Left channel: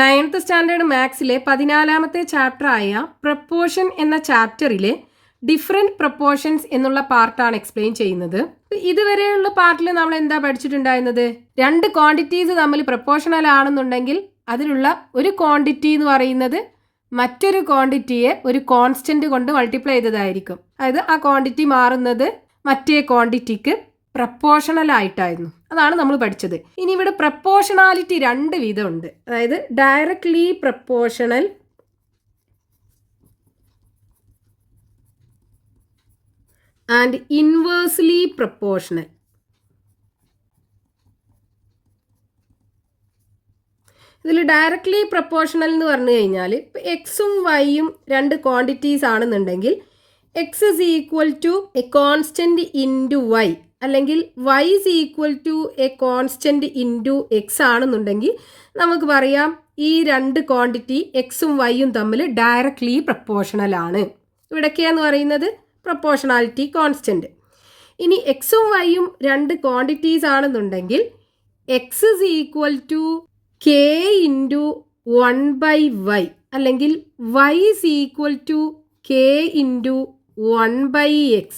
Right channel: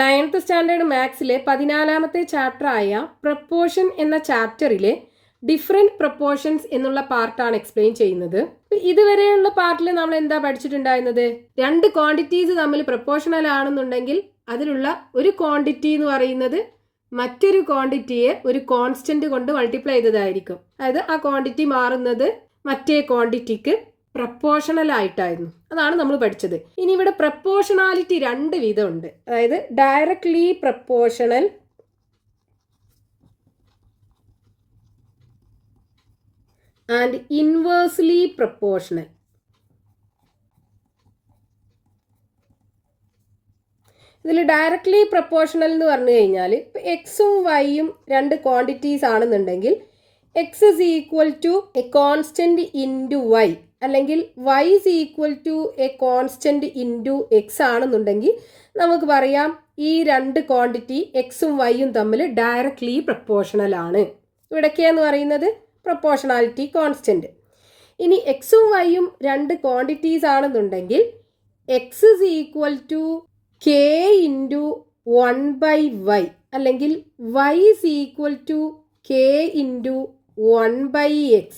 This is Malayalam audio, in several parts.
9th സ്റ്റാൻഡേർഡ് മാത്സിലെ 14ാമത്തെ ചാപ്റ്ററായ പ്രപ്പോർഷൻ എന്ന ചാപ്റ്ററിലെ ഡിഫറെൻറ്റ് പ്രപ്പോർഷൻസ് എന്നുള്ള പാർട്ടാണ് എക്സ്പ്ലെയിൻ ചെയ്യുന്നത്. ഇതുവരെയുള്ള പാർട്ടിൽ നമ്മൾ എന്താ പഠിച്ചിട്ടുണ്ടായിരുന്നത്? രണ്ട് ക്വാണ്ടിറ്റീസ് തമ്മിൽ പ്രപ്പോർഷണൽ ആണെന്നുണ്ടെങ്കിൽ അതിലുള്ള ഒരു ക്വാണ്ടിറ്റി എന്ന് പറയുന്നത് മറ്റൊരു ക്വാണ്ടിറ്റിയെ ഒരു കോൺസ്റ്റന്റ് കൊണ്ട് മൾട്ടിപ്ലൈ ചെയ്തതായിരിക്കും. അതായത് ആ ക്വാണ്ടിറ്റി മാറുന്നത് മറ്റേ ക്വാണ്ടിറ്റിക്ക് പ്രപ്പോർഷണൽ ആയിട്ടായിരുന്നു. അതാണ് നമ്മൾ പഠിച്ചത്. ഇനി ഇവിടെ പ്രപ്പോർഷണാലിറ്റി രണ്ട് വിധമുണ്ട്. അതായത് directly proportional and inversely proportional. ഇതിൽ ഡയറക്ട്ലി പ്രപ്പോർഷണൽ എന്ന് പറഞ്ഞു കഴിഞ്ഞാൽ ഇപ്പോൾ എക്സും വൈയും രണ്ട് ക്വാണ്ടിറ്റീസ് ആണെന്നുണ്ടെങ്കിൽ x is equal to a constant into y അല്ലെങ്കിൽ y is equal to a constant into x ആണെന്നുണ്ടെങ്കിൽ നമുക്ക് പറയാം ഈ രണ്ട് ക്വാണ്ടിറ്റി എക്സും വൈയും തമ്മിൽ ഡയറക്ട്ലി പ്രപ്പോർഷണൽ ആണ്. ഇവിടൊക്കെയെന്ന് പറയുന്നത് പ്രപ്പോർഷണാലിറ്റി കോൺസ്റ്റൻറ്റ്. ഇനി എക്സും വൈയും രണ്ട് ക്വാണ്ടിറ്റീസ് ആണെന്നുണ്ടെങ്കിൽ x is equal to k into 1/y അല്ലെങ്കിൽ y is equal to k into 1/x.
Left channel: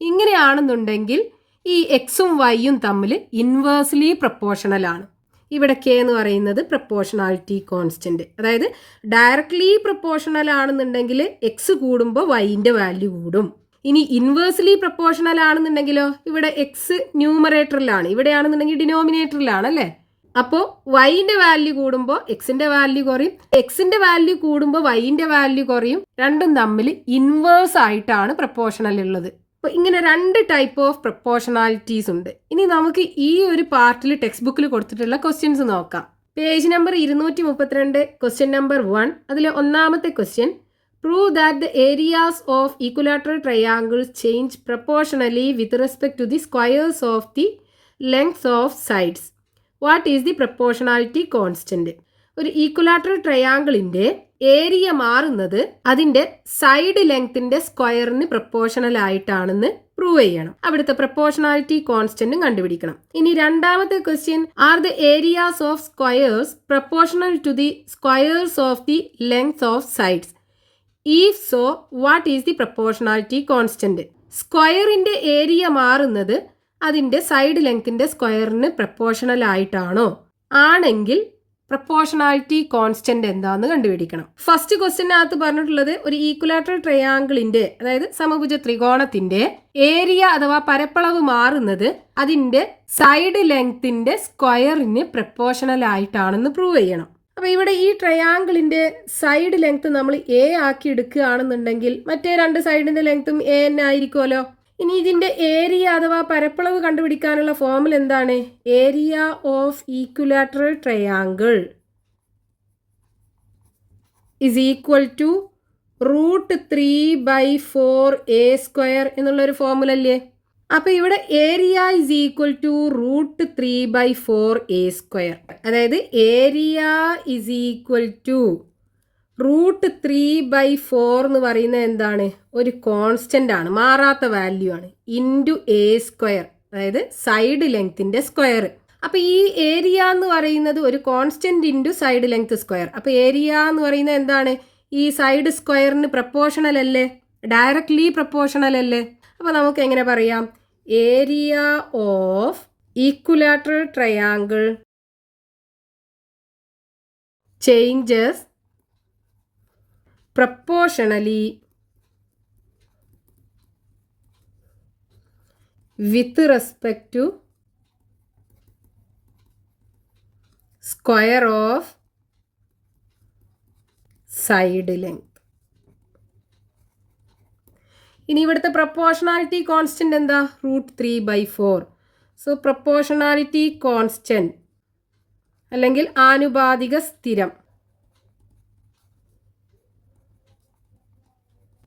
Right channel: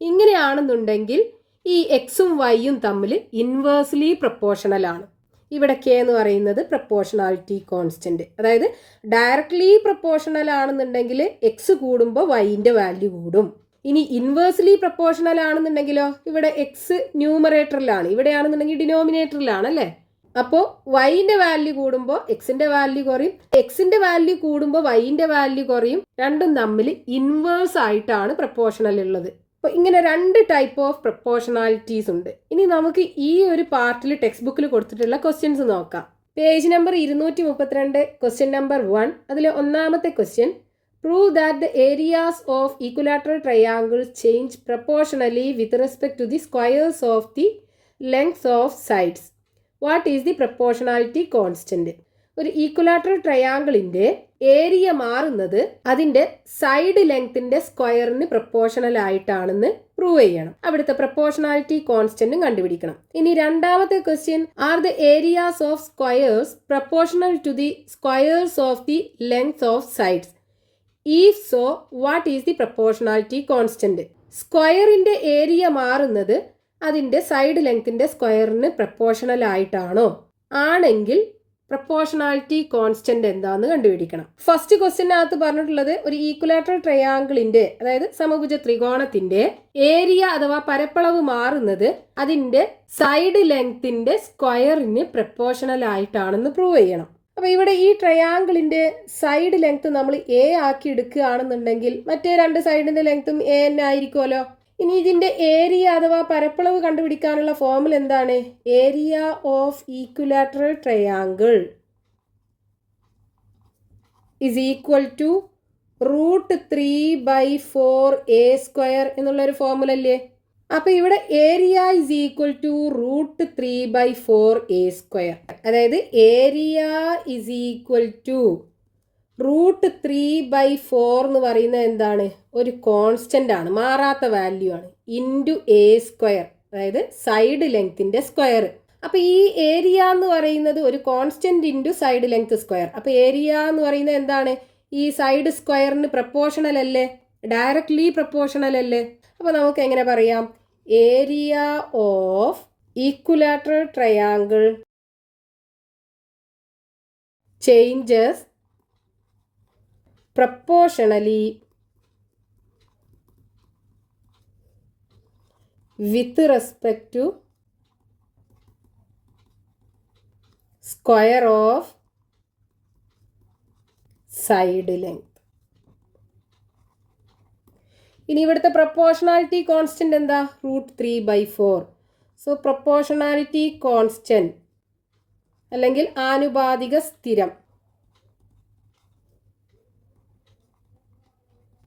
ഇങ്ങനെയാണെന്നുണ്ടെങ്കിൽ ഈ എക്സും വൈയും തമ്മിൽ ഇൻവേഴ്സ്ലി പ്രപ്പോർഷണൽ ആണ്. ഇവിടെ കെ എന്ന് പറയുന്നത് പ്രപ്പോർഷണാലിറ്റി കോൺസ്റ്റൻറ്റ്. അതായത് ഡയറക്ട്ലി പ്രപ്പോർഷണൽ ആണെന്നുണ്ടെങ്കിൽ എക്സ് കൂടുമ്പോൾ വൈൻ്റെ വാല്യൂ കൂടും. ഇനി ഇൻവേഴ്സ്ലി പ്രപ്പോർഷണൽ ആണെന്നുണ്ടെങ്കിലോ ഇവിടെ എക്സ് ന്യൂമറേറ്ററിലാണ്, ഇവിടെയാണെന്നുണ്ടെങ്കിൽ ഡിനോമിനേറ്ററിലാണ് അല്ലേ. അപ്പോൾ വൈൻ്റെ വാല്യൂ കൂടുമ്പോൾ എക്സിൻ്റെ വാല്യൂ കുറയും, എക്സിൻ്റെ വാല്യൂ കൂടുമ്പോൾ വൈൻ്റെ വാല്യൂ കുറയും. രണ്ടും തമ്മിൽ ഇൻവേഴ്സ് ആയിട്ടാണ് പ്രപ്പോർഷണൽ ഉള്ളത്. അപ്പോൾ ഇങ്ങനെ രണ്ട് ടൈപ്പ് ഓഫ് പ്രപ്പോർഷണാലിറ്റീസ് ഉണ്ട്. ഇനി നമുക്ക് ഈ ഒരു പാർട്ടിൽ ടെക്സ്റ്റ് ബുക്കിൽ കൊടുത്തിട്ടുള്ള ക്വസ്റ്റ്യൻസ് നോക്കാം. Page number 232 question number 1. അതിലെ ഒന്നാമത്തെ question, prove that the areas of equilateral triangles change proportionally with respect to the squares of the lengths of sides. What is the proportionality constant? ഒരു ഈക്വലാറ്ററൽ ട്രയാങ്കിളിൻ്റെ ഏരിയ മാറുന്നത് അതിൻ്റെ സൈഡ് ലെങ്ത്തിൻ്റെ സ്ക്വയറിന് പ്രപ്പോർഷണൽ ആയിട്ടാണെന്ന് പ്രൂവ് ചെയ്യണം. അവിടുത്തെ പ്രപ്പോർഷണാലിറ്റി കോൺസ്റ്റന്റും കണ്ടുപിടിക്കണം. ഇനി രണ്ടാമത്തെ question, are the areas of squares proportional to the squares of the length of sides? If so what is the proportionality constant? സ്ക്വയറിൻ്റെ ഏരിയ മാറുന്നത് അതിൻ്റെ സൈഡ് ലെങ്ത്തിൻ്റെ സ്ക്വയറിന് പ്രപ്പോർഷണൽ ആയിട്ടാണോ? ആണെങ്കിൽ പ്രപ്പോർഷണാലിറ്റി കോൺസ്റ്റന്റ് എന്താന്ന് കണ്ടുപിടിക്കണം. ഫസ്റ്റ് ക്വസ്റ്റ്യനകത്ത് പറഞ്ഞിട്ടുള്ളത് ഒരു ഈക്വലാറ്ററൽ ട്രയാങ്കിളിന്റെ അതായത് സമഭുജ ത്രികോണത്തിന്റെ ഏരിയ അഥവാ പരപ്പളവ് മാറുന്നത് അതിന്റെ സൈഡ് ലെങ്ത്തിന്റെ സ്ക്വയറിന് പ്രപ്പോർഷണൽ ആയിട്ടാണെന്ന് പ്രൂവ് ചെയ്യണം. അപ്പൊ ഇവിടെ ഈ ട്രയാങ്കിളിന്റെ സൈഡ് ലെങ്ത് നമ്മൾ എ ആക്കി എടുക്കുകയാണെന്നുണ്ടെങ്കിൽ മറ്റേ രണ്ട് സൈഡിന്റെ ലെങ്ത്തും എ തന്നെ ആയിരിക്കുമല്ലോ. ഇനി ഇതിന്റെ ഏരിയ അഥവാ പരപ്പളവ് കണ്ടുപിടിക്കാനുള്ള ഫോർമുല എന്താണ്? Area of equilateral triangle is equal to √3/4a² എന്നുള്ളൊരു ഫോർമുല അല്ലേ. അപ്പൊ ഇവിടെ area is equal to √3/4a². അതായത് ഏരിയ ഇസ് ഈക്വൽ ടു √3/4 എന്ന് പറയുന്നത് എന്താണ്? ഒരു കോൺസ്റ്റന്റ് ആണ്, മാറാത്ത വാല്യൂ ആണ്, ഇൻറ്റു a², അതായത് സൈഡ് ലെങ്ത്തിന്റെ സ്ക്വയർ. അപ്പൊ ഈ ഏരിയ എന്ന് പറയുന്നത് ഒരു constant into side length square. അപ്പൊ ഏരിയ എന്ന് പറയുന്നത് എന്താണ്? ഈ സൈഡ് സ്ക്വയറിന് പ്രപ്പോർഷണൽ അല്ലേ, ഡയറക്ട്ലി പ്രപ്പോർഷണൽ അല്ലേ. അപ്പൊ നമുക്ക് എങ്ങനെ പറയാം? Area of equilateral triangle changes proportionally with respect to square of side length. ഇനി ഇവിടുത്തെ പ്രപ്പോർഷണാലിറ്റി കോൺസ്റ്റന്റ് എന്താ? √3/4. സോ പ്രപ്പോർഷണാലിറ്റി കോൺസ്റ്റന്റ് അല്ലെങ്കിൽ ആനുപാതിക സ്ഥിരം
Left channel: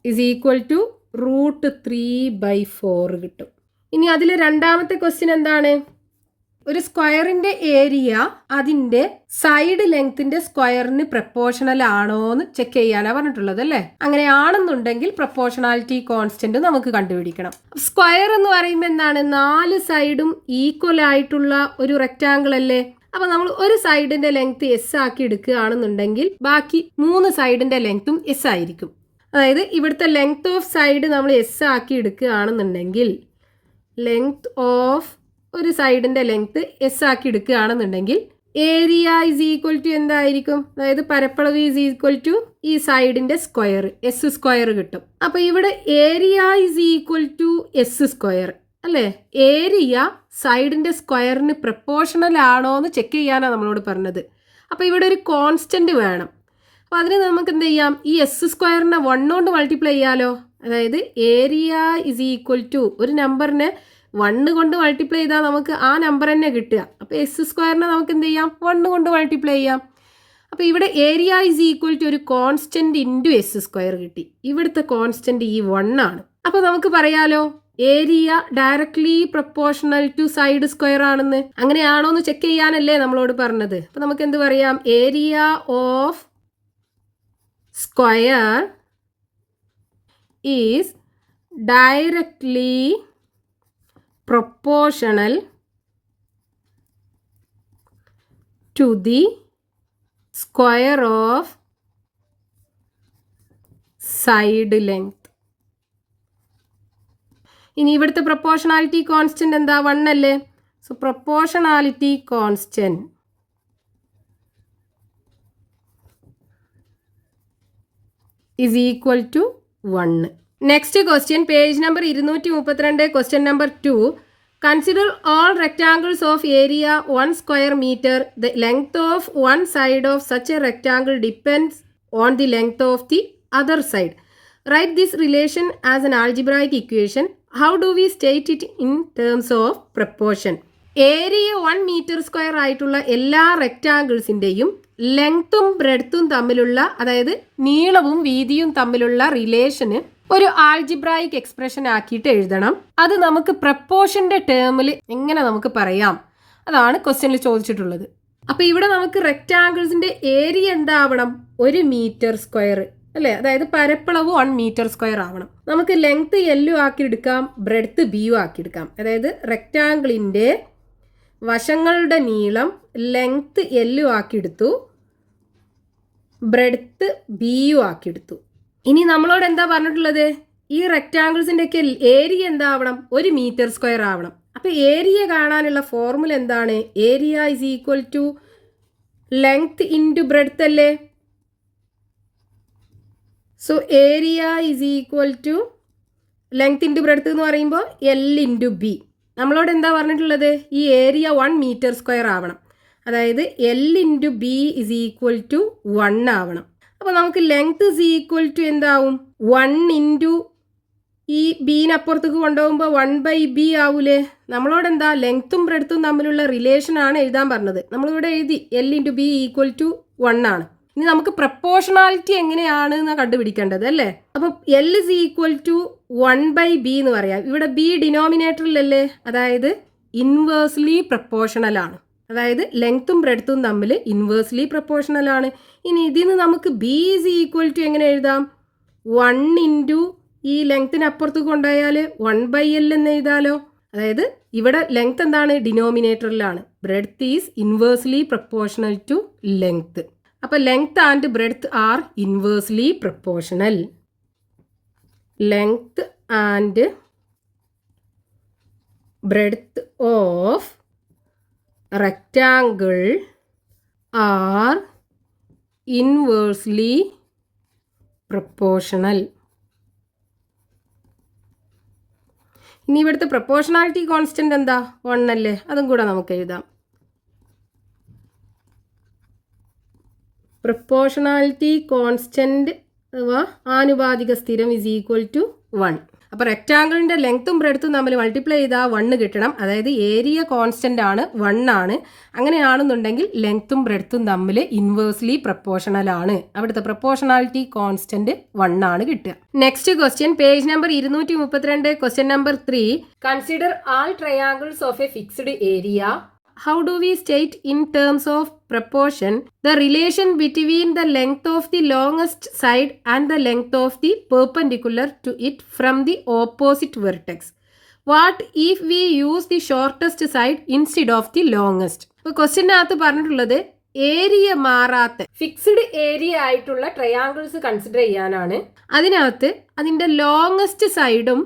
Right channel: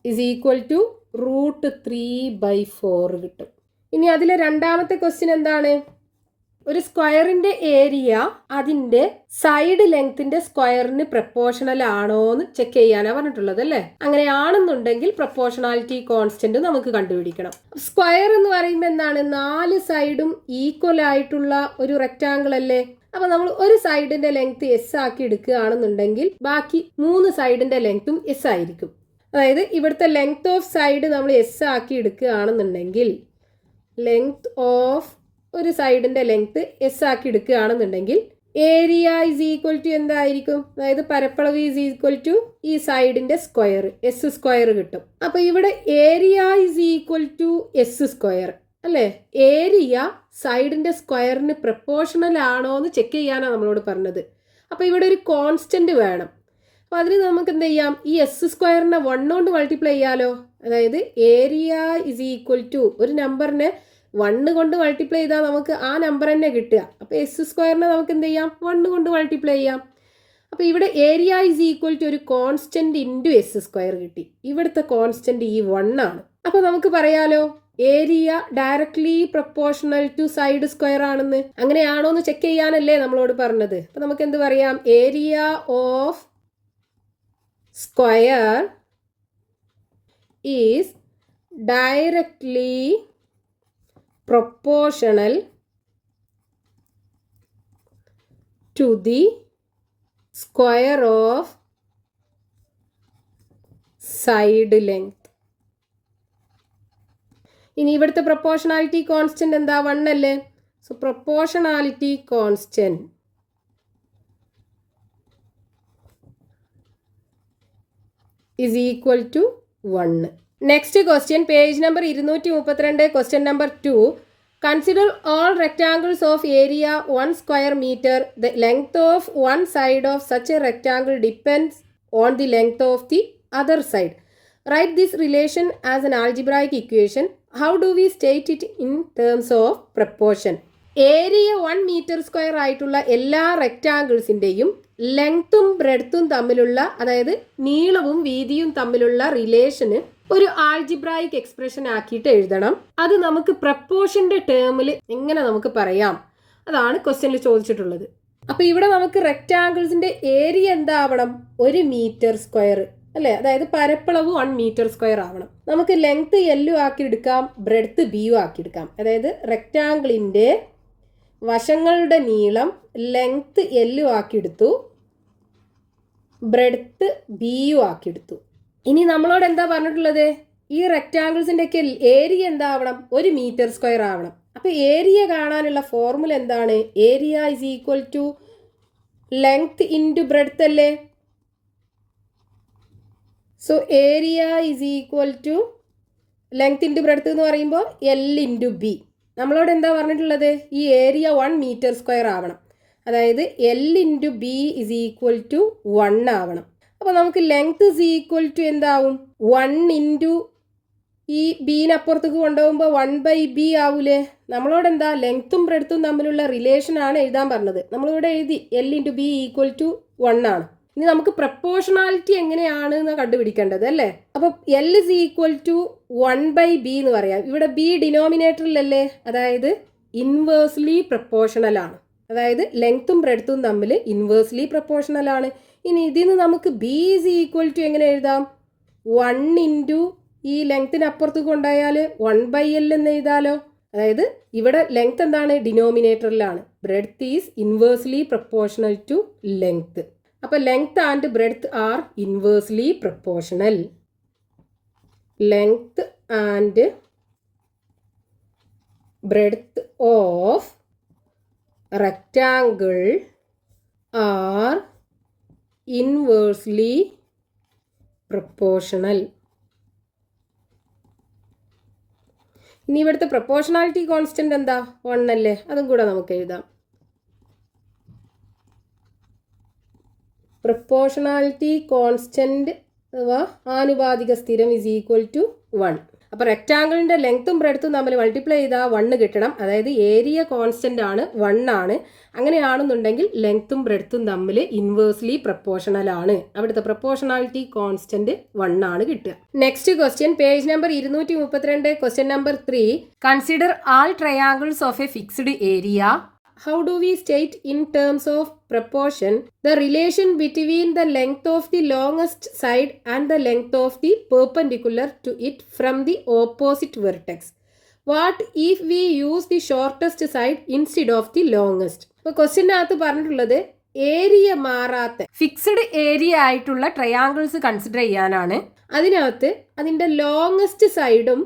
ഇസ് ഈക്വൽ ടു √3/4 കിട്ടും. ഇനി അതിലെ രണ്ടാമത്തെ ക്വസ്റ്റ്യൻ എന്താണ്? ഒരു സ്ക്വയറിന്റെ ഏരിയ അതിന്റെ സൈഡ് ലെങ്ത്തിന്റെ സ്ക്വയറിന് പ്രപ്പോർഷണൽ ആണോ എന്ന് ചെക്ക് ചെയ്യാനാണ് പറഞ്ഞിട്ടുള്ളത് അല്ലേ. അങ്ങനെയാണെന്നുണ്ടെങ്കിൽ പ്രപ്പോർഷണാലിറ്റി കോൺസ്റ്റന്റ് നമുക്ക് കണ്ടുപിടിക്കണം. സ്ക്വയർ എന്ന് പറയുമ്പോൾ എന്താണ്? 4 സൈഡും ഈക്വൽ ആയിട്ടുള്ള ഒരു റെക്റ്റാങ്കിൾ അല്ലേ. അപ്പോൾ നമ്മൾ ഒരു സൈഡിൻ്റെ ലെങ്ത് എസ് ആക്കി എടുക്കുകയാണെന്നുണ്ടെങ്കിൽ ബാക്കി 3 സൈഡിൻ്റെ ലെങ്ത്തും എസ് ആയിരിക്കും. അതായത് ഇവിടുത്തെ ലെങ്ത് ഓഫ് സൈഡ് നമ്മൾ എസ് ആക്കി എടുക്കുകയാണെന്നുണ്ടെങ്കിൽ ലെങ്ത് ഓഫ് ഒരു സൈഡിൻ്റെ ലെങ്ത് എസ് ആക്കി എടുക്കുകയാണെന്നുണ്ടെങ്കിൽ ഏരിയ ഈസ് ഈക്വൽ ടു എന്തായിരിക്കും? അതായത് പരപ്പളവ് ഈസ് ഈക്വൽ ടു ഈ സൈഡിൻ്റെ സ്ക്വയർ എസ് സ്ക്വയർ കിട്ടും. അപ്പോൾ ഇവിടെ area is equal to s square അല്ലേ? ഏരിയ സൈഡിൻ്റെ സ്ക്വയറിന് പ്രപ്പോർഷണൽ ആണോ എന്ന് ചെക്ക് ചെയ്യാനാണ് നമ്മളോട് പറഞ്ഞത്. അപ്പോൾ ഇവിടെ ഒരു കോൺസ്റ്റൻറ്റ് വേണം. അപ്പോൾ അതിന് നമുക്ക് എന്ത് ചെയ്യാം? ഈ എസ് സ്ക്വയറിനെ 1 കൊണ്ട് മൾട്ടിപ്ലൈ ചെയ്യാലോ. അതായത് ഏരിയ ഈസ് ഈക്വൽ ടു ഒരു നമ്പറിനെ 1 കൊണ്ട് മൾട്ടിപ്ലൈ ചെയ്താൽ നമുക്ക് ആ നമ്പർ തന്നെ കിട്ടുക. അപ്പോൾ എസ് സ്ക്വയറിനെ നമുക്ക് എന്ത് ചെയ്യാം? 1 കൊണ്ട് മൾട്ടിപ്ലൈ ചെയ്യാം. അപ്പോൾ ഇവിടെ ഏരിയ ഈസ് ഈക്വൽ ടു ഒരു കോൺസ്റ്റൻറ്റ് ഇൻറ്റു എസ് സ്ക്വയർ കിട്ടി. ഇവിടുത്തെ കോൺസ്റ്റൻറ്റ് ഈ 1 ആണ്. അപ്പോൾ നമുക്ക് പറയാലോ area directly proportional to side square ആണെന്ന്. അങ്ങനെയാണോ എന്ന് ചെക്ക് ചെയ്യാനല്ലേ നമ്മളോട് പറഞ്ഞത്. അപ്പോൾ നമുക്ക് എന്ത് പറയാം? Area of square is directly proportional to the square of side length. ഇനി ഇവിടുത്തെ പ്രൊപ്പോർഷണാലിറ്റി കോൺസ്റ്റന്റ് എന്താ? 1 അല്ലേ? So proportionality constant is equal to 1. Next question, page number 232, question number 2. Consider all rectangles of area 1 square meter. The length of one side of such a rectangle depends on the length of the other side. Write this relation as an algebraic equation. How do we state it in terms of proportion? Area 1 metre square ആയിട്ടുള്ള എല്ലാ റെക്റ്റാങ്കിൾസിൻ്റെയും ലെങ്ത്തും ബ്രെഡ്ത്തും തമ്മിലുള്ള, അതായത് നീളവും വീതിയും തമ്മിലുള്ള റിലേഷന് ഒരു ആൾജിബ്രായിക് എക്സ്പ്രഷൻ ആക്കിയിട്ട് എഴുതണം. അത് നമുക്ക് പ്രപ്പോർഷൻ്റെ ടേമിൽ എങ്ങനെ നമുക്ക് പറയാം? അതാണ് ക്വസ്റ്റ്യനിൽ ചോദിച്ചിട്ടുള്ളത്. അപ്പോൾ ഇവിടെ നമുക്ക് റെക്റ്റാങ്കിൾസിൻ്റെ ഏരിയ എന്താവണം? 1 മീറ്റർ സ്ക്വയർ അല്ലേ? അതായത് പരപ്പളവ് 1 മീറ്റർ സ്ക്വയർ ആവണം. നമുക്ക് ലെങ്ത്ത് എല്ലും ആക്കിയെടുക്കാം, ബ്രെഡ്ത്ത് ബിയും ആക്കിയെടുക്കാം. അതായത് റെക്റ്റാങ്കിളിൻ്റെ വശങ്ങളുടെ നീളം ലെങ്ത്ത് എല്ലും ആക്കിയെടുത്തു, ബ്രെഡ്ത്ത് ബിയും ആക്കിയെടുത്തു. ഇനി നമ്മളോട് എന്താ പറഞ്ഞിട്ടുള്ളത്? ഈ റെക്റ്റാങ്കിൾസിൻ്റെ ഒക്കെ ഏരിയ എന്താവണം? 1 മീറ്റർ സ്ക്വയർ ആവണം. അപ്പോൾ ഏരിയ കാണാനുള്ള ഫോർമുല എന്താണ്? Area is equal to length into breadth അല്ലേ? So area is equal to length into breadth എന്ന് പറയുമ്പോൾ എൽ ഇൻറ്റു ബി. നമ്മളോട് എന്താ പറഞ്ഞിട്ടുള്ളത്? ഈ ഏരിയ 1 മീറ്റർ സ്ക്വയർ ആവണം. അതായത് l into b is equal to 1 ആവണം. അപ്പോൾ നമുക്ക് ലെങ്ത്ത് ഇസ് ഈക്വൽ ടു എന്താവും? 1 ഇൻറ്റു ഈ ബീനപ്പുറത്തേക്ക് കൊണ്ടുപോകുമ്പോൾ 1/b ആവൂലേ? നമ്മളോട് എന്താ? ലെങ്ത്തും ബ്രെഡ്ത്തും തമ്മിലുള്ള റിലേഷനാണ് എഴുതാൻ പറഞ്ഞത്. നമ്മളിവിടെ എഴുതി l into b equal to 1 ആണ്. ഇനി നമുക്ക് പ്രപ്പോർഷണാലിറ്റി എങ്ങനെയാണ് എന്ന് കണ്ടുപിടിക്കേണ്ടത് അല്ലേ? അപ്പം L is equal to 1/b എന്ന് പറയാം. ഇവിടെ ബി ഡിനോമിനേറ്ററിലല്ലേ? അതായത് ഇൻവേഴ്സ്ലി പ്രപ്പോർഷണൽ ആണ്. അതായത് ലെങ്ത്തും ബ്രെഡ്ത്തും തമ്മിൽ ഇൻവേഴ്സ്ലി പ്രപ്പോർഷണൽ ആണ്. ഇനി ഇതിന് നമുക്ക് ബി ഇസ് ഈക്വൽ ടു എങ്ങനെ എഴുതാം? 1 ഇൻറ്റു ഈ ലെങ്ത്തിനപ്പുറത്ത് കൊണ്ടുപോയാൽ 1/l എന്ന് എഴുതാലോ. അതായത് ഇവിടെ ലെങ്ത്ത് എന്താണ്? ഡിനോമിനേറ്ററിലാണ്. Breadth is inversely proportional to length. അപ്പോൾ length and breadth are inversely proportional. Length and breadth of rectangle are inversely proportional. ഇനി ഇവിടുത്തെ പ്രപ്പോർഷണാലിറ്റി കോൺസ്റ്റന്റ് എന്താ? 1 അല്ലേ? അതും കൂടെ നമുക്ക് എഴുതാം. പ്രപ്പോർഷണാലിറ്റി കോൺസ്റ്റന്റ് അഥവാ ആനുപാതിക സ്ഥിരം ഇസ് ഈക്വൽ ടു 1. അപ്പോൾ റെക്റ്റാങ്കിളിൻ്റെ ലെങ്ത്തും ബ്രെഡ്ത്തും തമ്മിൽ മൾട്ടിപ്ലൈ ചെയ്താൽ 1 കിട്ടണം. അതായത് ഏരിയ കോൺസ്റ്റൻ്റ് ആണ്, 1 ആണ്. അങ്ങനെയാണെന്നുണ്ടെങ്കിൽ ലെങ്ത്തും ബ്രെഡ്ത്തും തമ്മിൽ ഇൻവേഴ്സ്ലി പ്രപ്പോർഷണൽ ആണ്. അവിടുത്തെ പ്രപ്പോർഷണാലിറ്റി കോൺസ്റ്റന്റ് 1 ആണ് കിട്ടുക. Next question, page number 232, question number 3. Consider all triangles of A fixed area. How do we state in terms of proportion the relation between the length of the longest side and the length of the perpendicular to it from the opposite vertex? What if we use the shortest side instead of the longest. ഇപ്പോൾ ക്വസ്റ്റ്യനകത്ത് പറഞ്ഞിട്ടുള്ളത് ഏരിയ മാറാത്ത ഫിക്സ്ഡ് ഏരിയ ആയിട്ടുള്ള ട്രയാങ്കിൾസ് കൺസിഡർ ചെയ്യാനാണ്. അതിനകത്ത് അതിൻ്റെ ലോങ്ങസ്റ്റ് സൈഡും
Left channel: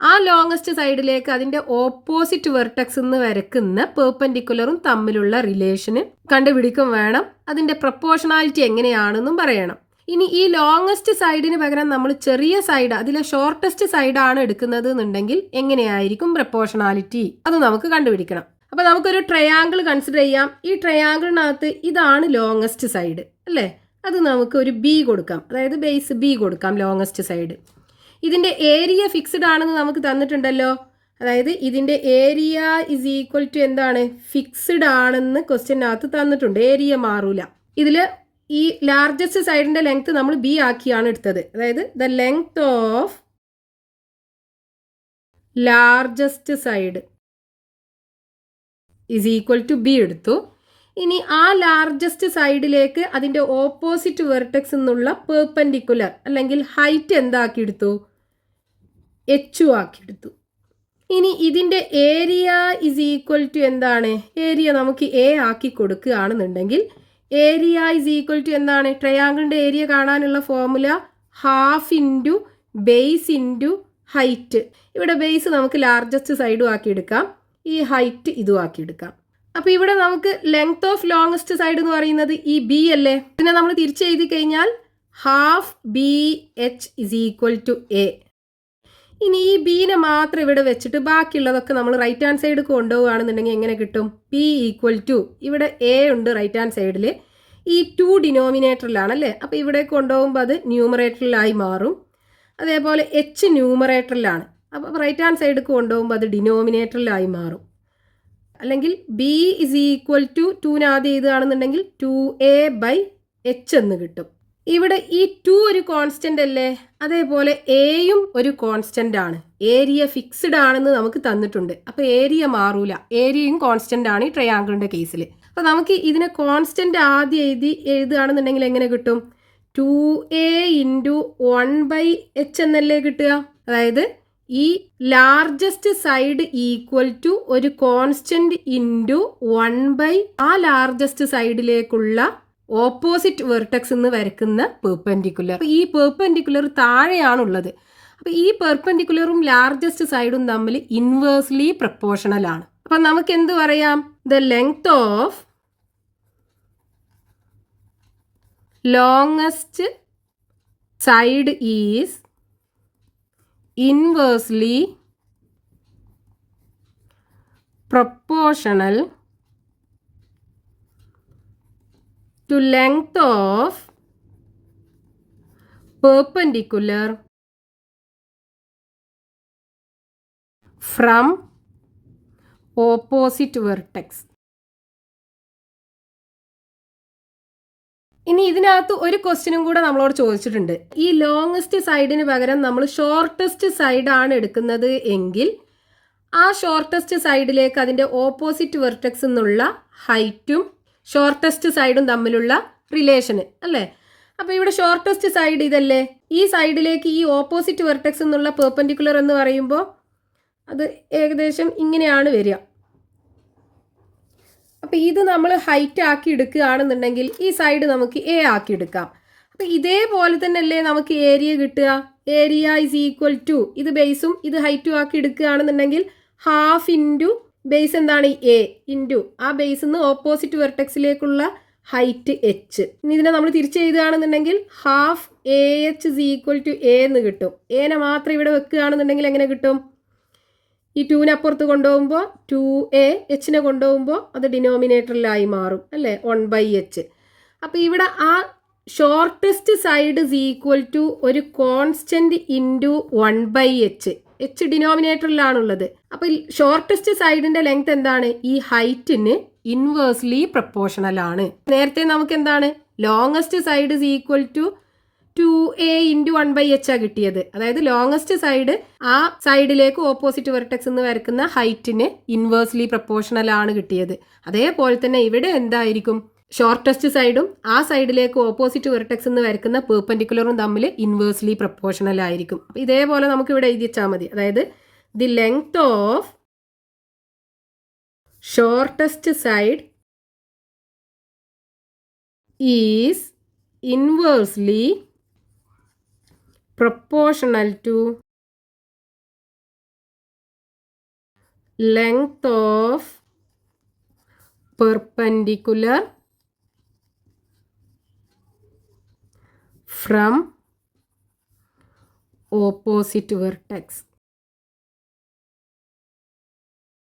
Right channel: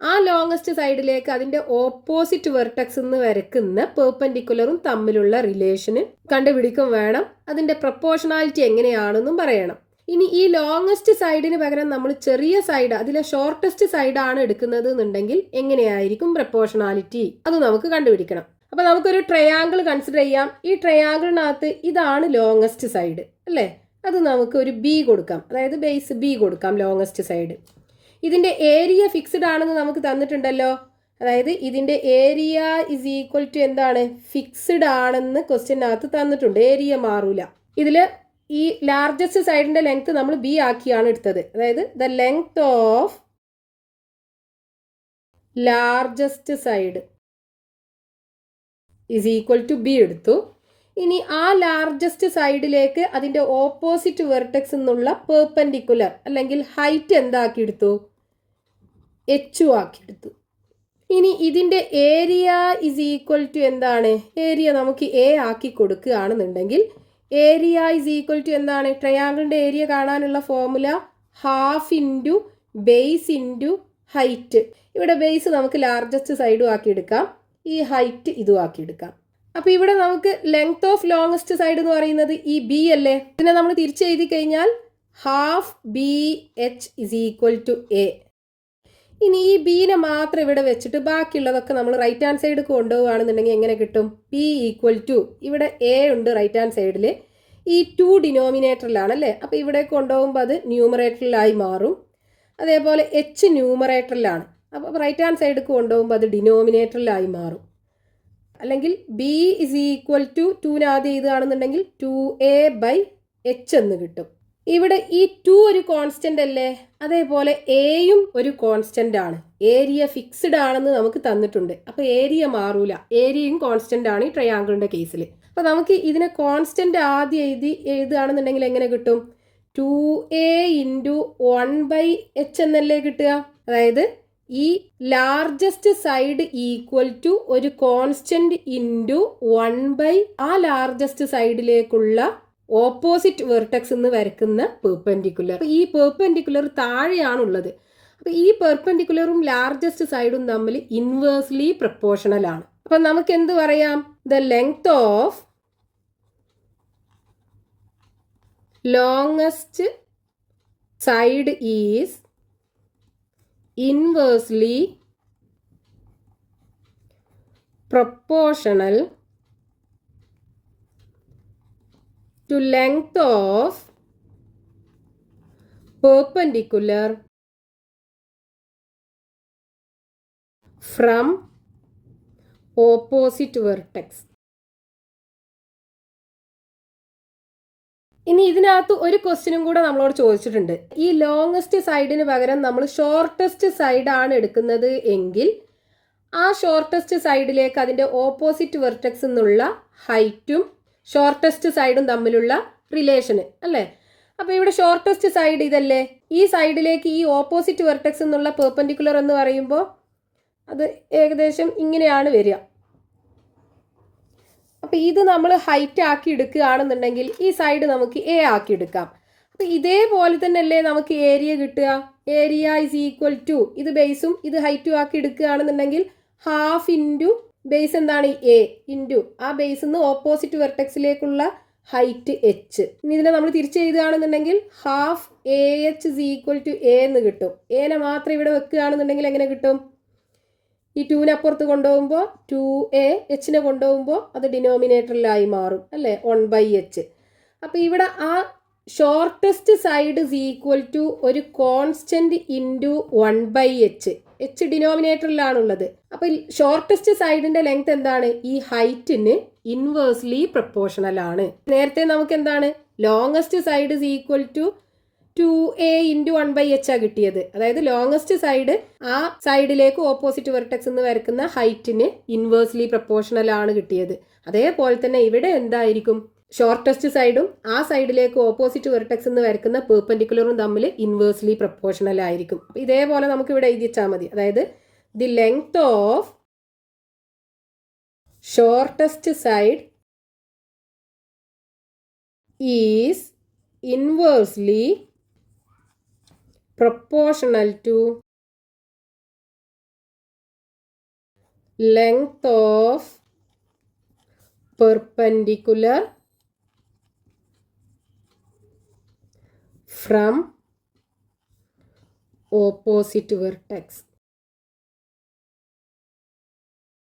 ആ ലോങ്ങസ്റ്റ് സൈഡിലേക്ക് അതിൻ്റെ ഓപ്പോസിറ്റ് വെർട്ടെക്സ് നിന്ന് വരക്കുന്ന പെർപെൻഡിക്കുലറും തമ്മിലുള്ള റിലേഷന് കണ്ടുപിടിക്കും വേണം. അതിൻ്റെ പ്രപ്പോർഷണാലിറ്റി എങ്ങനെയാണെന്നും പറയണം. ഇനി ഈ ലോങ്ങസ്റ്റ് സൈഡിന് പകരം നമ്മൾ ചെറിയ സൈഡ്, അതിലെ ഷോർട്ടസ്റ്റ് സൈഡാണ് എടുക്കുന്നത് എന്നുണ്ടെങ്കിൽ എങ്ങനെയായിരിക്കും പ്രപ്പോർഷണാലിറ്റി, അത് നമുക്ക് കണ്ടുപിടിക്കണം. അപ്പോൾ നമുക്കൊരു ട്രയാങ്കിൾ കൺസിഡർ ചെയ്യാം. ഈ ട്രയാങ്കിളിനകത്ത് ഇതാണ് ലോങ്ങസ്റ്റ് സൈഡ് അല്ലേ? അത് നമുക്ക് ഒരു ബി കൊടുക്കാം, അതായത് ബേസ് ബി കൊടുക്കാം ലോങ്ങസ്റ്റ് സൈഡ്. ഇതിൻ്റെ ഏരിയ ഫിക്സ്ഡ് ആണെന്ന് നമുക്ക് തന്നിട്ടുണ്ടല്ലോ. അതായത് ഇതിൻ്റെ ഏരിയ ഇസ് ഈക്വൽ ടു എന്താണ്? ഫിക്സ്ഡ് ആണെന്ന് ക്വസ്റ്റ്യനകത്ത് തന്നിട്ടുണ്ട്. ഏരിയ മാറൂല. ഇതിൽ ഈ ലാർജസ്റ്റ് സൈഡിൻ്റെ ലെങ്ത് നമ്മൾ ബി ആക്കിയാണ് എടുത്തത്. അതായത് the length of largest side is equal to b എടുത്തു. ഇനി ആ ലാർജസ്റ്റ് സൈഡിലേക്ക് അതിൻ്റെ ഓപ്പോസിറ്റ് വെർട്ടെക്സ് എന്നുള്ള പെർപെൻഡിക്കുലർ അല്ലെങ്കിൽ ഹൈറ്റ് എന്താക്കിയെടുത്തു? എച്ച് ആക്കിയെടുത്തു. ഇനി ഇതിൻ്റെ ഏരിയ ഇസ് ഈക്വൽ ടു എന്താണ്? ഏരിയ നമുക്ക് എ ആക്കി കൊടുക്കുകയാണെന്നുണ്ടെങ്കിൽ ഏരിയ ഇസ് ഈക്വൽ ടു എന്താണ്? ട്രയാങ്കിളിൻ്റെ ഏരിയ കാണാനുള്ള formula half into base into height. ഇവിടെ ബേസ് നമുക്ക് ലാർജസ്റ്റ് സൈഡും ആക്കിയെടുക്കാം, ഈ ഹൈറ്റ് ഇതും ആക്കിയെടുക്കാം. അപ്പോൾ ഇവിടെ നമുക്ക് ലെങ്ത് ഓഫ് ലോങ്ങസ്റ്റ് സൈഡ് എന്ന് പറയുന്നത് ഈ ബി അല്ലേ? ഇതിനെ നമ്മൾ തിരിച്ച് എഴുതി കഴിഞ്ഞാൽ half b h is equal to a. ഇനി ഈ ബീനെ മാത്രം ഇവിടെ വെച്ചിട്ട് ബാക്കിയുള്ളതൊക്കെ നമ്മൾ റൈറ്റ് ഹാൻഡ് സൈഡ് കൊണ്ടുപോവുകയാണെന്നുണ്ടെങ്കിൽ എങ്ങനെ കിട്ടും? പി ഈക്വൽ ടു, ഇവിടെ എ ഉണ്ട് റൈറ്റ് ഹാൻഡ് സൈഡിൽ, ഈ 2 ഡിനോമിനേറ്ററിലാണല്ലേ? അപ്പോൾ ഇവിടെ കൊണ്ടുപോകുമ്പോൾ അത് ന്യൂമറേറ്ററിലായി മാറും. അതേപോലെ എച്ച് ന്യൂമറേറ്ററിലാണ്, അപ്പോൾ റൈറ്റ് ഹാൻഡ് സൈഡ് കൊണ്ടുപോകുമ്പോൾ അത് ഡിനോമിനേറ്ററിലായി മാറും. അല്ലെങ്കിൽ ബി ഇസ് ഈക്വൽ ടു 2 ആദ്യം എഴുതുകയാണെന്നുണ്ടെങ്കിൽ 2a/h എന്ന് കിട്ടും. ഇവിടെ ഈ 2 ഒരു കോൺസ്റ്റന്റ് അല്ലേ? അതേപോലെ എയും ഒരു കോൺസ്റ്റന്റ് ആണ്. ഏരിയ ഫിക്സ്ഡ് ആണെന്ന് നമുക്ക് തന്നിട്ടുണ്ട്. അപ്പോൾ ഏരിയ മാറൂല, ഏരിയയും കോൺസ്റ്റന്റ് ആണ് ഈ ട്രയാങ്കിളിൻ്റെ കേസിൽ. അപ്പോൾ നമുക്ക് ഇതിനെ കോൺസ്റ്റന്റ് ആദ്യം എഴുതുകയാണെന്നുണ്ടെങ്കിൽ എങ്ങനെ കിട്ടും? 2a × 1/h എന്നല്ലേ കിട്ടുക? അതായത് ഈ ലാർജസ്റ്റ് സൈഡ് ഈക്വൽ ടു ഒരു കോൺസ്റ്റന്റ് ഇൻറ്റു 1/ ആ ലാർജസ്റ്റ് സൈഡിലേക്കുള്ള ഓപ്പോസിറ്റ് വെർട്ടെക്സ് എന്ന് വരക്കുന്ന പെർപെൻഡിക്കുലർ. അപ്പോൾ ഈ പെർപെൻഡിക്കുലർ താഴെയാണുള്ളത്. അപ്പോൾ ഈ പെർപെൻഡിക്കുലറും ലാർജസ്റ്റ് സൈഡും തമ്മിൽ ഇൻവേഴ്സ്ലി പ്രപ്പോർഷണൽ ആണ്. അപ്പം നമുക്ക് എന്ത് പറയാം? The length of longest side is inversely proportional to length of perpendicular from opposite vertex. ഇനി ഇതിനകത്ത് ഒരു ക്വസ്റ്റ്യനും കൂടെ നമ്മളോട് ചോദിച്ചിട്ടുണ്ട്. ഈ ലോങ്ങസ്റ്റ് സൈഡിന് പകരം നമ്മൾ ഷോർട്ടസ്റ്റ് സൈഡാണ് എടുക്കുന്നത് എങ്കിൽ ആ ഷോർട്ടസ്റ്റ് സൈഡിലേക്ക് അതിൻ്റെ ഓപ്പോസിറ്റ് വെർട്ടെക്സ് എന്നുള്ള ഹൈറ്റും ഷോർട്ടസ്റ്റ് സൈഡും തമ്മിലുള്ള റിലേഷന് അല്ലേ? അപ്പോൾ ഇവിടെ ഷോർട്ടസ്റ്റ് സൈഡ് ഇതല്ലേ? ഈ സൈഡിലേക്ക് ഈ ഓപ്പോസിറ്റ് വെർട്ടെക്സ് എന്നുള്ള പെർപെൻഡിക്കുലർ എന്ന് പറയുമ്പോൾ അത് ഏകദേശം ഇങ്ങനെയാണ് വരിക. അപ്പോൾ ഇത് നമ്മൾ ഹൈറ്റ് ആക്കി എടുക്കുകയാണെന്നുണ്ടെങ്കിൽ ഈ സൈഡ് നമുക്ക് എ ആക്കി എടുക്കാം. അപ്പോൾ ഇതേപോലെ തന്നെ അല്ലേ നമുക്ക് ഏരിയ കിട്ടുക? ഏരിയ ഇസ് ഈക്വൽ ടു, ഇത് ബേസും ഇത് ഹൈറ്റും ആക്കി എടുക്കുകയാണെന്നുണ്ടെങ്കിൽ ഹാഫ് ഇൻറ്റു ബേസ് എന്താണ്? എ ഇൻറ്റു ആ ബേസിൽ നിന്ന് ഓപ്പോസിറ്റ് വെർട്ടെക്സിലേക്കുള്ള ഹൈറ്റ് എച്ച്. ഇനി ഇതിനെ നമ്മൾ തിരിച്ച് എഴുതുകയാണെന്നുണ്ടെങ്കിൽ half A H is equal to A എന്ന് കിട്ടും. എനെ മാത്രം ഇവിടെ വെക്കുകയാണെന്നുണ്ടെങ്കിൽ എങ്ങനെ കിട്ടും? ഈ 2നെ അപ്പുറത്ത് കൊണ്ടുപോകുമ്പോൾ 2a, എച്ചിനെ കൊണ്ടുപോകുമ്പോൾ അത് ഡിനോമിനേറ്ററിലായി മാറും അല്ലേ? 1/h. അപ്പോൾ ഇവിടെ ആ shortest side is equal to ഒരു കോൺസ്റ്റന്റ് ഇൻറ്റു 1/h. എച്ച് ഡിനോമിനേറ്ററിലാണുള്ളത്. അപ്പോൾ ഷോർട്ടസ്റ്റ് സൈഡിൻ്റെ ലെങ്ത് എന്താണ്? ഈ ഹൈറ്റിന് ഇൻവേഴ്സ്ലി പ്രപ്പോർഷണൽ ആണ്. നേരത്തെ നമുക്ക് എന്താണ്? Longest side is equal to 2a × 1/h ആ കിട്ടിയത്. അതായത് ലോങ്ങസ്റ്റ് സൈഡ് ആ സൈഡിലേക്ക് ഓപ്പോസിറ്റ് വെർട്ടെക്സ് എന്ന് വരക്കുന്ന ഹൈറ്റിന് ഇൻവേഴ്സ്ലി പ്രപ്പോർഷണൽ ആണ് കിട്ടിയത്. അതേപോലെ തന്നെ ഇവിടെ എന്തായിരിക്കും? ഷോർട്ടസ്റ്റ് സൈഡും ആ സൈഡിലേക്ക് ഓപ്പോസിറ്റ് വെർട്ടെക്സ് എന്ന് വരക്കുന്ന പെർപെൻഡിക്കുലറും തമ്മിൽ ഇൻവേഴ്സ്ലി പ്രപ്പോർഷണൽ ആയിരിക്കും. അപ്പോൾ ഇതേപോലെ നമുക്ക് ഇവിടെ എഴുതി വെച്ചാൽ മതി. അതായത് the length of shortest side is inversely proportional to length of perpendicular from opposite vertex.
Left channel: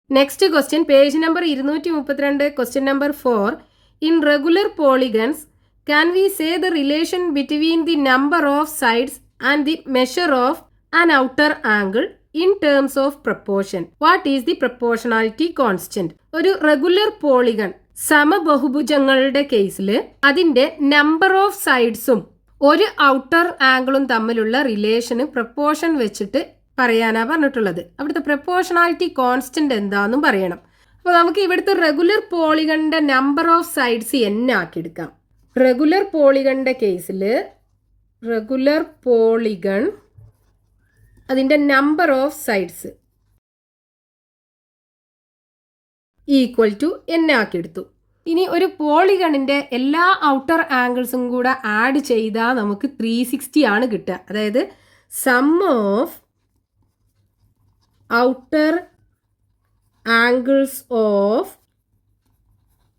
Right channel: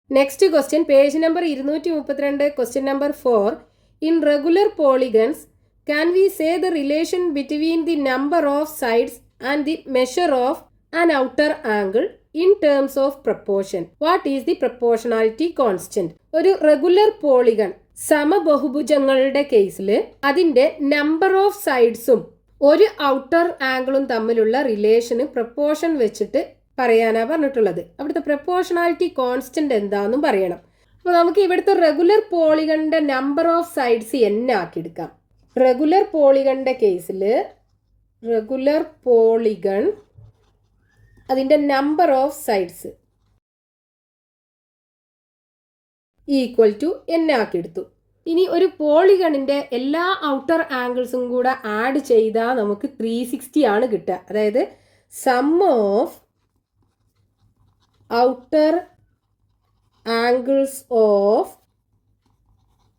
Next question, page number 232, question number 4. In regular polygons, can we say the relation between the number of sides and the measure of an outer angle in terms of proportion? What is the proportionality constant? ഒരു റെഗുലർ പോളിഗൺ സമബഹുഭുജങ്ങളുടെ കേസിൽ അതിൻ്റെ നമ്പർ ഓഫ് സൈഡ്സും ഒരു ഔട്ടർ ആംഗിളും തമ്മിലുള്ള റിലേഷന് പ്രപ്പോർഷൻ വെച്ചിട്ട് പറയാനാണ് പറഞ്ഞിട്ടുള്ളത്. അവിടുത്തെ പ്രപ്പോർഷണാലിറ്റി കോൺസ്റ്റന്റ് എന്താണെന്നും പറയണം. അപ്പോൾ നമുക്ക് ഇവിടുത്തെ റെഗുലർ പോളിഗണിന്റെ നമ്പർ ഓഫ് സൈഡ്സ് n ആക്കിയെടുക്കാം. റെഗുലർ പോളിഗണിന്റെ കേസിൽ റെഗുലർ പോളിഗൺ അതിൻ്റെ number of sides equal to n ആക്കിയെടുത്തു. ഇനി ഒരു പോളിഗണിൻ്റെ എല്ലാ ഔട്ടർ ആംഗിൾസും കൂടെ ആഡ് ചെയ്താൽ നമുക്ക് 360 ആണ് കിട്ടുക. അതായത് sum of outer angles of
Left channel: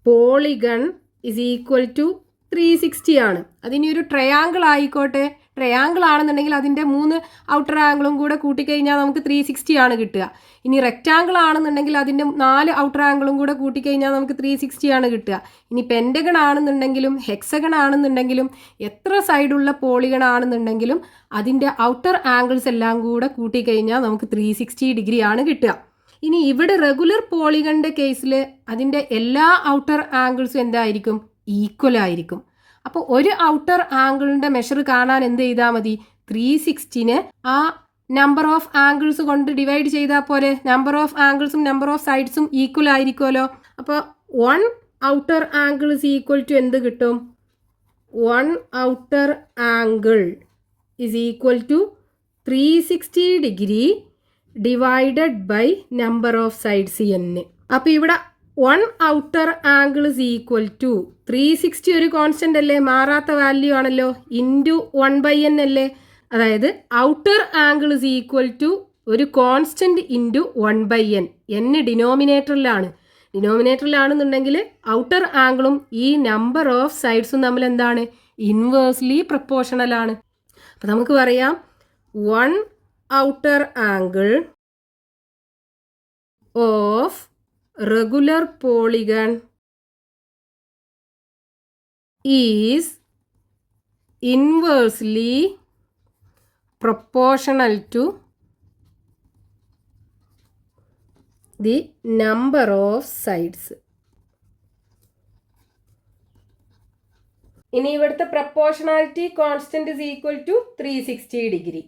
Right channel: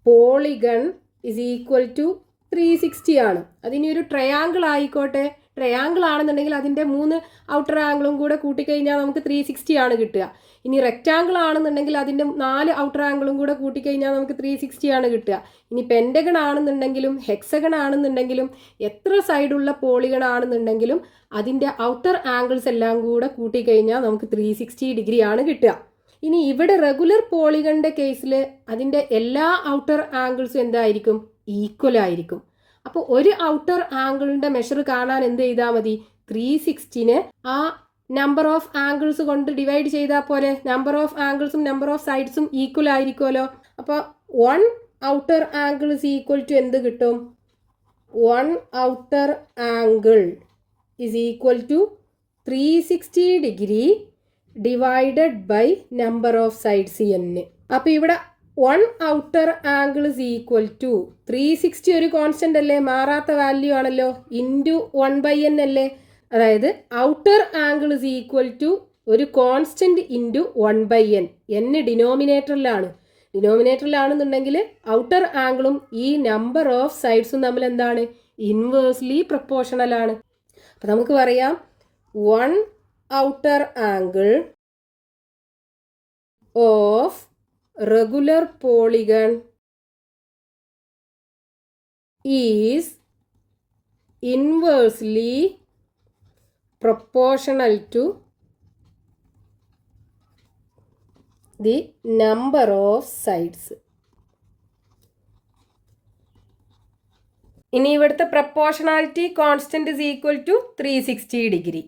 polygon is equal to 360 ആണ്. അതിനി ഒരു ട്രയാങ്കിൾ ആയിക്കോട്ടെ, ട്രയാങ്കിൾ ആണെന്നുണ്ടെങ്കിൽ അതിൻ്റെ 3 ഔട്ടർ ആംഗിളും കൂടെ കൂട്ടിക്കഴിഞ്ഞാൽ നമുക്ക് 360 ആണ് കിട്ടുക. ഇനി റെക്റ്റാങ്കിൾ ആണെന്നുണ്ടെങ്കിൽ അതിൻ്റെ 4 ഔട്ടർ ആംഗിളും കൂടെ കൂട്ടിക്കഴിഞ്ഞാൽ നമുക്ക് 360 ആണ് കിട്ടുക. ഇനി പെൻറ്റഗൺ ആണെന്നുണ്ടെങ്കിലും ഹെക്സഗൺ ആണെന്നുണ്ടെങ്കിലും എത്ര സൈഡുള്ള പോളിഗൺ ആണെന്നുണ്ടെങ്കിലും അതിൻ്റെ ഔട്ടർ ആംഗിൾസ് എല്ലാം കൂടെ കൂട്ടിക്കഴിഞ്ഞാൽ നമുക്ക് 360 ഡിഗ്രി ആണ് കിട്ടുക. ഇനി ഇവിടെ റെഗുലർ പോളിഗണിൻ്റെ കേസിൽ അതിൻ്റെ എല്ലാ ഔട്ടർ ആംഗിൾസും എന്തായിരിക്കും? ഈക്വൽ ആയിരിക്കും. അപ്പോൾ ഒരു ഔട്ടർ ആംഗിളിൻ്റെ മെഷർ കാണാൻ എന്ത് ചെയ്താൽ മതി? 360നെ ആ നമ്പർ ഓഫ് ആംഗിൾസ് കൊണ്ട് ഡിവൈഡ് ചെയ്താൽ പോലെ നമ്പർ ഓഫ് ആംഗിൾസും നമ്പർ ഓഫ് സൈഡ്സും ഈക്വൽ ആയിരിക്കുമല്ലോ. അപ്പോൾ 1 outer angle is equal to എന്ത് കിട്ടും? 1 outer angle is equal to 360 degree divided by number of sides n. അപ്പോൾ ഇവിടെ 1 outer angle is equal to 360 ഒരു കോൺസ്റ്റൻ്റ് അല്ലേ, മാറാത്ത വാല്യൂ ആണല്ലോ, ഇൻറ്റു 1/n അല്ലേ. അതായത് outer angle is equal to ഒരു കോൺസ്റ്റൻറ്റ് ഇൻറ്റു 1/n. n ഡിനോമിനേറ്ററിലാണ്. ഡിനോമിനേറ്ററിലാണെന്നുണ്ടെങ്കിൽ ഔട്ടർ ആംഗിളും ഈ നമ്പർ ഓഫ് സൈഡ്സും തമ്മിൽ എന്താണ്? ഇൻവേഴ്സ്ലി പ്രപ്പോർഷണൽ ആണ്. അപ്പോൾ നമുക്ക് പറയാം 1 outer angle of regular polygon is inversely proportional to the number of sides. ഇനി ഇവിടുത്തെ proportionality constant is equal to 360 degree.